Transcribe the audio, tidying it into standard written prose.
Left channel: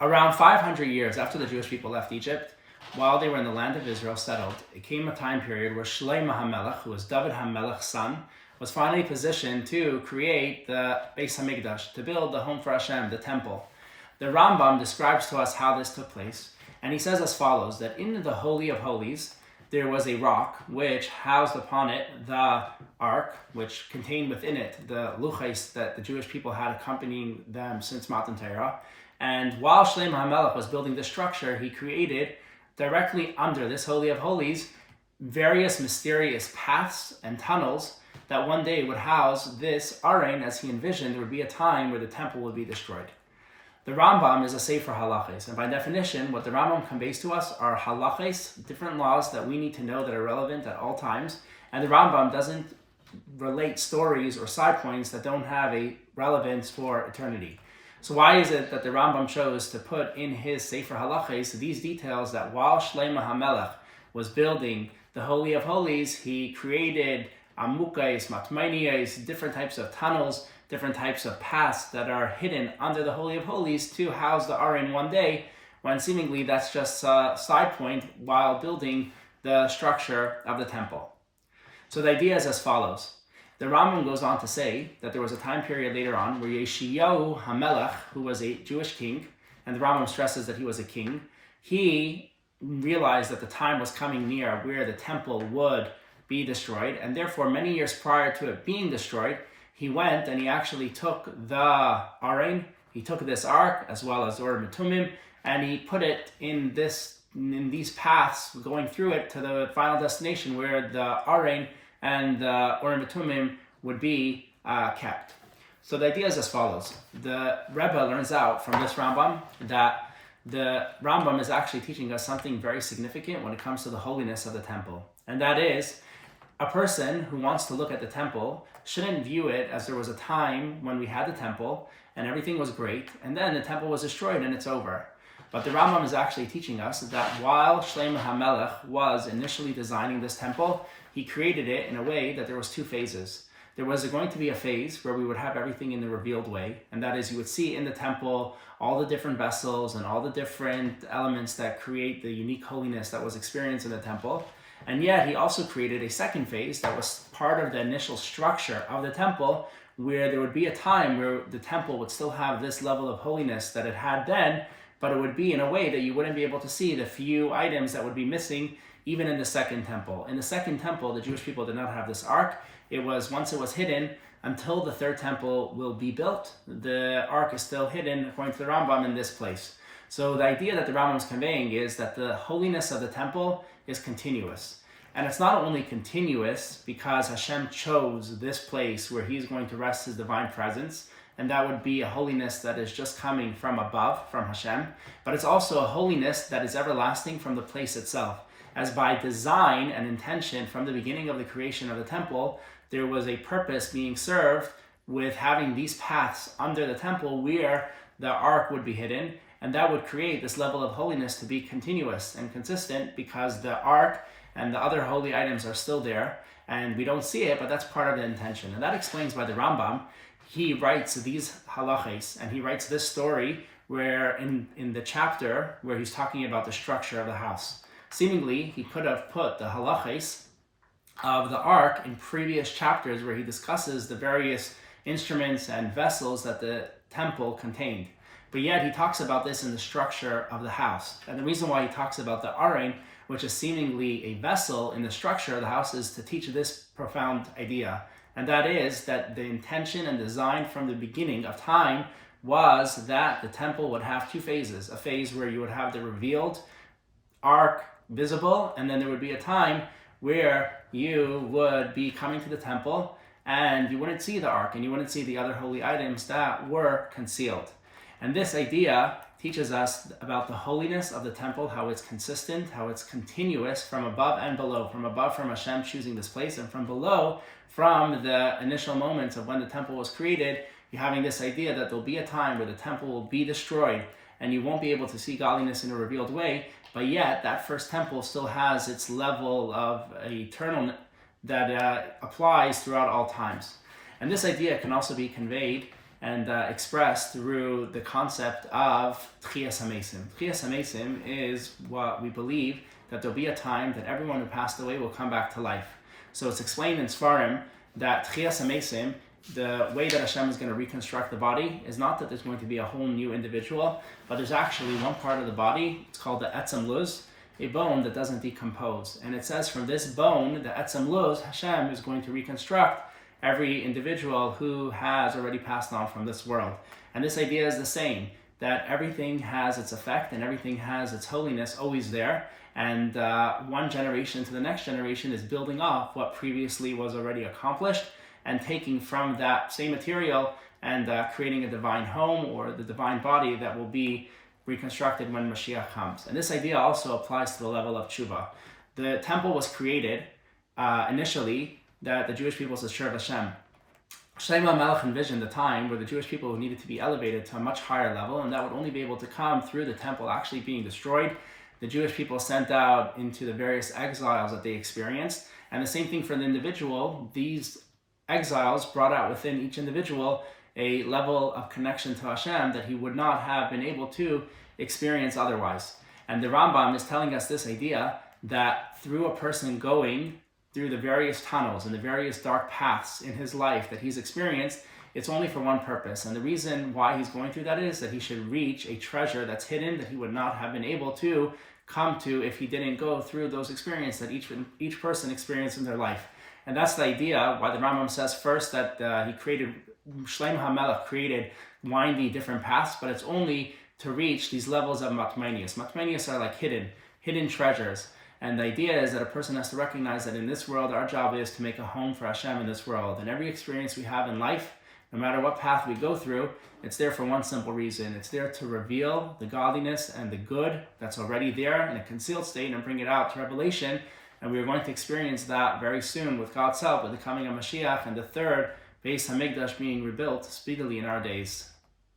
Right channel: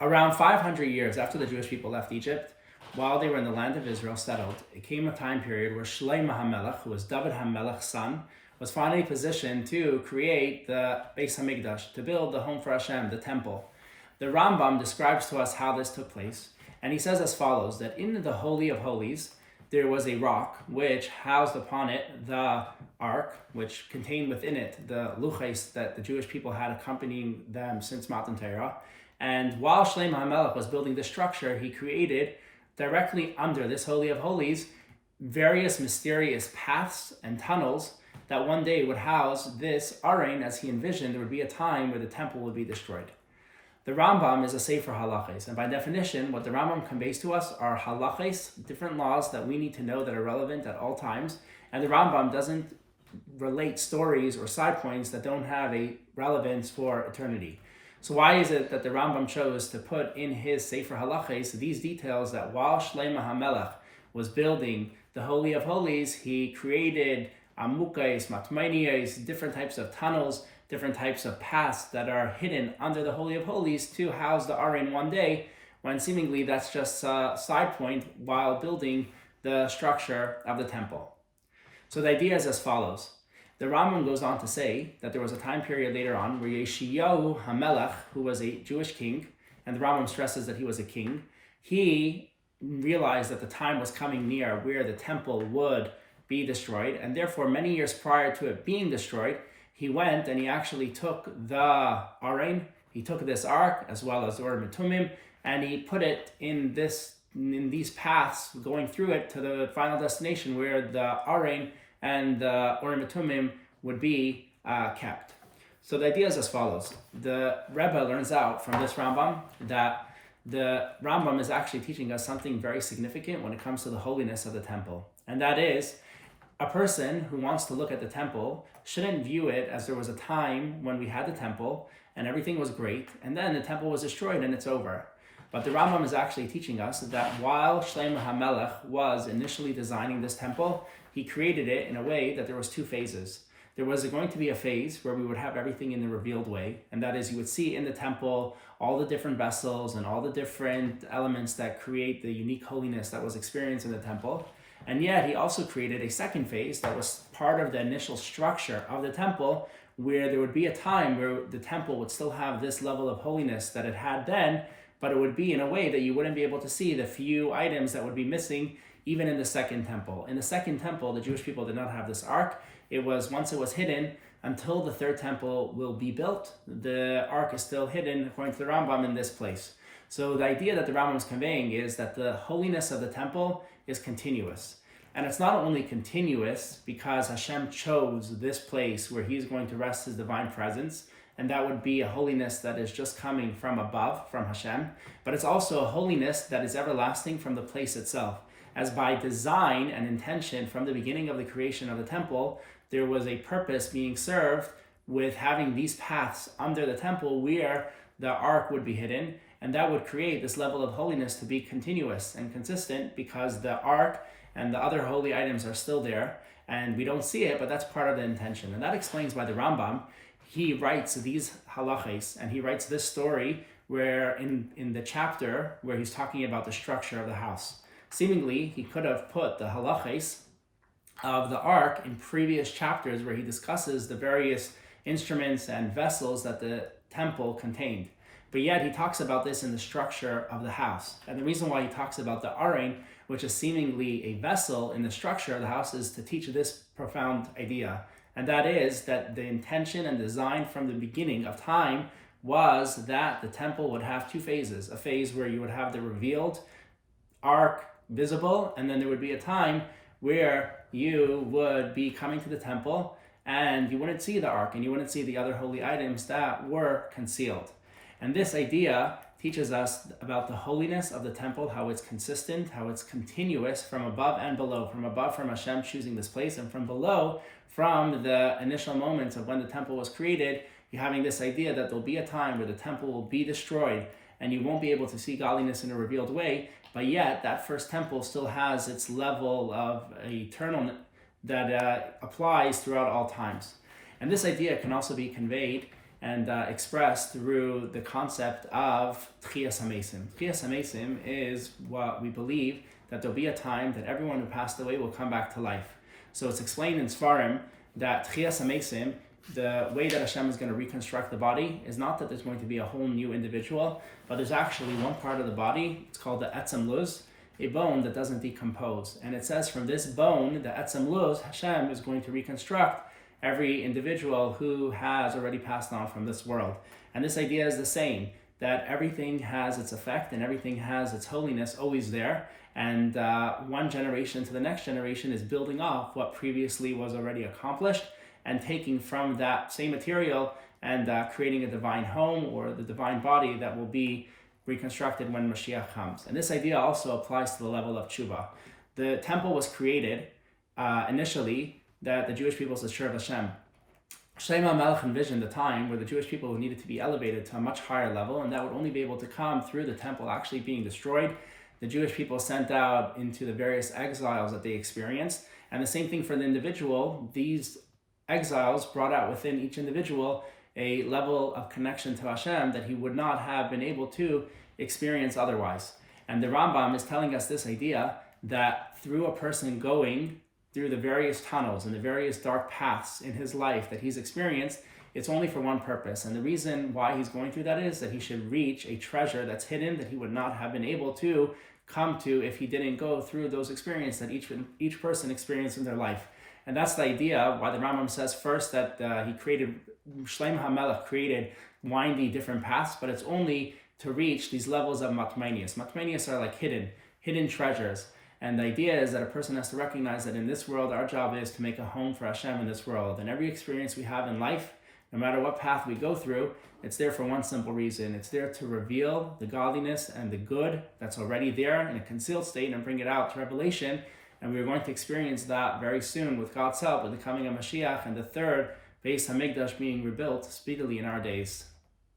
Around 500 years after the Jewish people left Egypt, while they were in the land of Israel settled, it came a time period where Shlomo HaMelech, who was David HaMelech's son, was finally positioned to create the Beis HaMikdash, to build the home for Hashem, the temple. The Rambam describes to us how this took place, and he says as follows, that in the Holy of Holies, there was a rock which housed upon it the ark, which contained within it the luchos that the Jewish people had accompanying them since Matan Torah. And while Shlomo HaMelech was building this structure, he created directly under this Holy of Holies various mysterious paths and tunnels that one day would house this Aron. As he envisioned, there would be a time where the temple would be destroyed. The Rambam is a sefer halachos, and by definition, what the Rambam conveys to us are halachos, different laws that we need to know that are relevant at all times, and the Rambam doesn't relate stories or side points that don't have a relevance for eternity. So why is it that the Rambam chose to put in his sefer halachos these details that while Shlomo HaMelech was building the Holy of Holies, he created amukais, matmainias, different types of tunnels, different types of paths that are hidden under the Holy of Holies to house the Aron one day, when seemingly that's just a side point while building the structure of the temple. So the idea is as follows. The Rambam goes on to say that there was a time period later on where Yeshayahu HaMelech, who was a Jewish king, and the Rambam stresses that he was a king, he realized that the time was coming near where the temple would be destroyed, and therefore many years prior to it being destroyed, he went and he actually took the Aron, he took this ark as well as Urim and Tumim, and he put it in these paths going through it to the final destination where the Aron and the Urim and Tumim would be kept. So the idea is as follows. The Rebbe learns out from this Rambam that the Rambam is actually teaching us something very significant when it comes to the holiness of the temple. And that is, a person who wants to look at the temple shouldn't view it as there was a time when we had the temple and everything was great, and then the temple was destroyed and it's over. But the Rambam is actually teaching us that while Shlomo HaMelech was initially designing this temple, he created it in a way that there was two phases. There was going to be a phase where we would have everything in the revealed way, and that is you would see in the temple all the different vessels and all the different elements that create the unique holiness that was experienced in the temple. And yet he also created a second phase that was part of the initial structure of the temple, where there would be a time where the temple would still have this level of holiness that it had then, but it would be in a way that you wouldn't be able to see the few items that would be missing even in the second temple. In the second temple, the Jewish people did not have this ark. It was, once it was hidden, until the third temple will be built, the ark is still hidden, according to the Rambam, in this place. So the idea that the Rambam is conveying is that the holiness of the temple is continuous. And it's not only continuous because Hashem chose this place where he's going to rest his divine presence, and that would be a holiness that is just coming from above, from Hashem, but it's also a holiness that is everlasting from the place itself. As by design and intention from the beginning of the creation of the temple, there was a purpose being served with having these paths under the temple where the ark would be hidden, and that would create this level of holiness to be continuous and consistent because the ark and the other holy items are still there, and we don't see it, but that's part of the intention. And that explains why the Rambam, he writes these halachos, and he writes this story where in the chapter where he's talking about the structure of the house. Seemingly, he could have put the halachos of the ark in previous chapters where he discusses the various instruments and vessels that the temple contained. But yet he talks about this in the structure of the house. And the reason why he talks about the Aron, which is seemingly a vessel in the structure of the house, is to teach this profound idea. And that is that the intention and design from the beginning of time was that the temple would have two phases. A phase where you would have the revealed ark visible, and then there would be a time where you would be coming to the temple and you wouldn't see the ark and you wouldn't see the other holy items that were concealed. And this idea teaches us about the holiness of the temple, how it's consistent, how it's continuous from above and below. From above, from Hashem choosing this place, and from below, from the initial moments of when the temple was created, you're having this idea that there'll be a time where the temple will be destroyed and you won't be able to see godliness in a revealed way, but yet that first temple still has its level of eternal that applies throughout all times. And this idea can also be conveyed and expressed through the concept of Tchias HaMesim. Tchias HaMesim is what we believe that there'll be a time that everyone who passed away will come back to life. So it's explained in Sfarim that Tchias HaMesim, the way that Hashem is going to reconstruct the body, is not that there's going to be a whole new individual, but there's actually one part of the body, it's called the Etzem Luz, a bone that doesn't decompose. And it says from this bone, the Etzem Luz, Hashem is going to reconstruct every individual who has already passed on from this world. And this idea is the same, that everything has its effect and everything has its holiness always there. And one generation to the next generation is building off what previously was already accomplished and taking from that same material and creating a divine home or the divine body that will be reconstructed when Mashiach comes. And this idea also applies to the level of tshuva. The temple was created initially that the Jewish people should serve Hashem. Shlomo HaMelech envisioned the time where the Jewish people needed to be elevated to a much higher level, and that would only be able to come through the temple actually being destroyed. The Jewish people sent out into the various exiles that they experienced. And the same thing for the individual. These exiles brought out within each individual a level of connection to Hashem that he would not have been able to experience otherwise. And the Rambam is telling us this idea that through a person going through the various tunnels and the various dark paths in his life that he's experienced, it's only for one purpose. And the reason why he's going through that is that he should reach a treasure that's hidden that he would not have been able to come to if he didn't go through those experiences that each person experienced in their life. And that's the idea why the Rambam says first that Shlomo HaMelech created windy different paths, but it's only to reach these levels of matmanias. Matmanias are like hidden treasures. And the idea is that a person has to recognize that in this world, our job is to make a home for Hashem in this world. And every experience we have in life, no matter what path we go through, it's there for one simple reason. It's there to reveal the godliness and the good that's already there in a concealed state and bring it out to revelation. And we are going to experience that very soon with God's help, with the coming of Mashiach and the third Beis HaMikdash being rebuilt speedily in our days.